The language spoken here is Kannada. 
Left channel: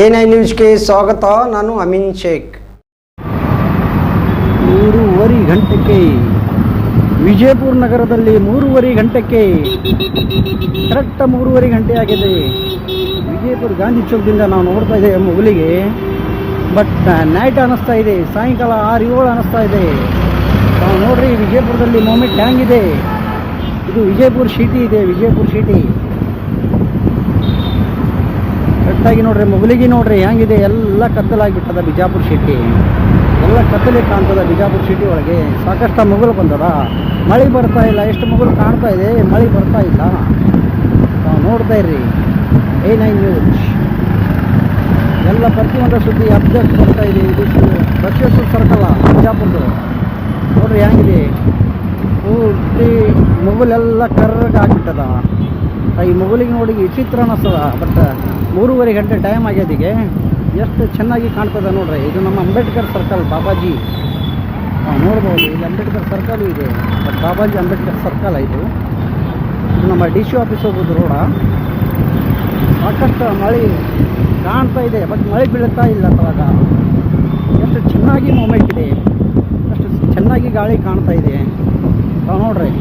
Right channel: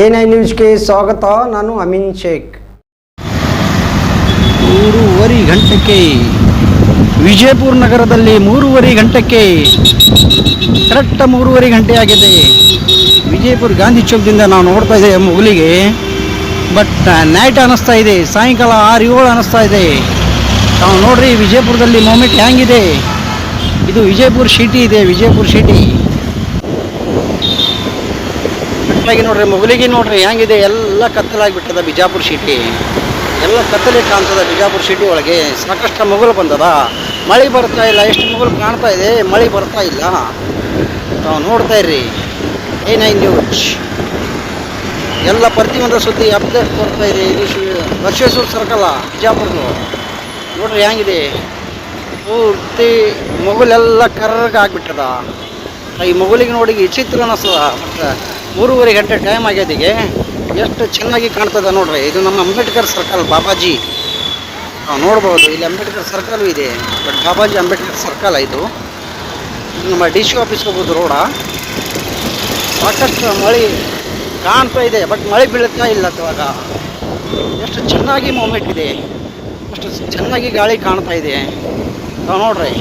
ಎ ನ್ಯೂಸ್ಗೆ ಸ್ವಾಗತ, ನಾನು ಅಮಿನ್ ಶೇಖ್. ಮೂರುವರೆ ಗಂಟೆಗೆ ವಿಜಯಪುರ ನಗರದಲ್ಲಿ ಮೂರುವರೆ ಗಂಟೆಗೆ ಕರೆಕ್ಟ್ ಮೂರುವರೆ ಗಂಟೆ ಆಗಿದೆ. ವಿಜಯಪುರ ಗಾಂಧಿ ಚೌಕದಿಂದ ನಾವು ನೋಡ್ತಾ ಇದ್ದೇವೆ ಮುಗುಲಿಗೆ ಬಟ್ ನೈಟ್ ಅನ್ನಿಸ್ತಾ ಇದೆ, ಸಾಯಂಕಾಲ ಆರು ಏಳು ಅನ್ನಿಸ್ತಾ ಇದೆ. ನಾವು ನೋಡ್ರಿ ವಿಜಯಪುರದಲ್ಲಿ ಮೂಮೆಂಟ್ ಹ್ಯಾಂಗಿದೆ ಇದು ವಿಜಯಪುರ ಸಿಟಿ ಇದೆ, ವಿಜಯಪುರ ಸಿಟಿ ಒಟ್ಟಾಗಿ ನೋಡ್ರಿ, ಮೊಗಲಿಗೆ ನೋಡ್ರಿ, ಹೆಂಗಿದೆ, ಎಲ್ಲ ಕತ್ತಲಾಗಿಬಿಟ್ಟದ ಬಿಜಾಪುರ ಸಿಟಿ ಎಲ್ಲ ಕತ್ತಲೆ ಕಾಣ್ತದ ಬಿಜಾಪುರ ಸಿಟಿ ಒಳಗೆ ಸಾಕಷ್ಟು ಮೊಗಲು ಬಂದದ. ಮಳೆ ಬರ್ತಾ ಇಲ್ಲ, ಎಷ್ಟು ಮೊಗಲು ಕಾಣ್ತಾ ಇದೆ, ಮಳೆ ಬರ್ತಾ ಇಲ್ಲ. ನೋಡ್ತಾ ಇರ್ರಿ ಏ ನೈನ್ ನ್ಯೂಸ್ ಎಲ್ಲ ಪ್ರತಿಯೊಂದು ಸುದ್ದಿ ಅಪ್ಡೇಟ್ ಬರ್ತಾ ಇದೆ, ಇದು ಬಸವೇಶ್ವರ ಸರ್ಕಲ್ ಬಿಜಾಪುರದು. ನೋಡ್ರಿ ಹೆಂಗಿದೆ, ಪೂರ್ತಿ ಮುಗುಲೆಲ್ಲ ಕರ್ರಗೆ ಆಗಿಬಿಟ್ಟದ ಈ ಮೊಗಲಿಗೆ ನೋಡಿ ವಿಚಿತ್ರ ಅನ್ನಿಸ್ತದ ಬಟ್ ಮೂರುವರೆ ಗಂಟೆ ಟೈಮ್ ಆಗ್ಯದಿಗೆ, ಎಷ್ಟು ಚೆನ್ನಾಗಿ ಕಾಣ್ತದೆ ನೋಡ್ರಿ. ಇದು ನಮ್ಮ ಅಂಬೇಡ್ಕರ್ ಸರ್ಕಲ್ ಬಾಬಾಜಿ. ನೋಡ್ಬೋದು, ಇಲ್ಲಿ ಅಂಬೇಡ್ಕರ್ ಸರ್ಕಲ್ ಇದೆ. ಬಟ್ ಬಾಬಾಜಿ ಅಂಬೇಡ್ಕರ್ ಸರ್ಕಲ್ ಇದು. ಇದು ನಮ್ಮ ಡಿ ಸಿ ಆಫೀಸ್ ಹೋಗೋದು ರೋಡ ಸಾಕಷ್ಟು ಮಳೆ ಕಾಣ್ತಾ ಇದೆ ಬಟ್ ಮಳೆ ಬೀಳುತ್ತಾ ಇಲ್ಲ ಅವಾಗ. ಎಷ್ಟು ಚೆನ್ನಾಗಿ ಮೂಮೆಂಟ್ ಇದೆ. ಎಷ್ಟು ಚೆನ್ನಾಗಿ ಗಾಳಿ ಕಾಣ್ತಾ ಇದೆ. ನೋಡ್ರಿ.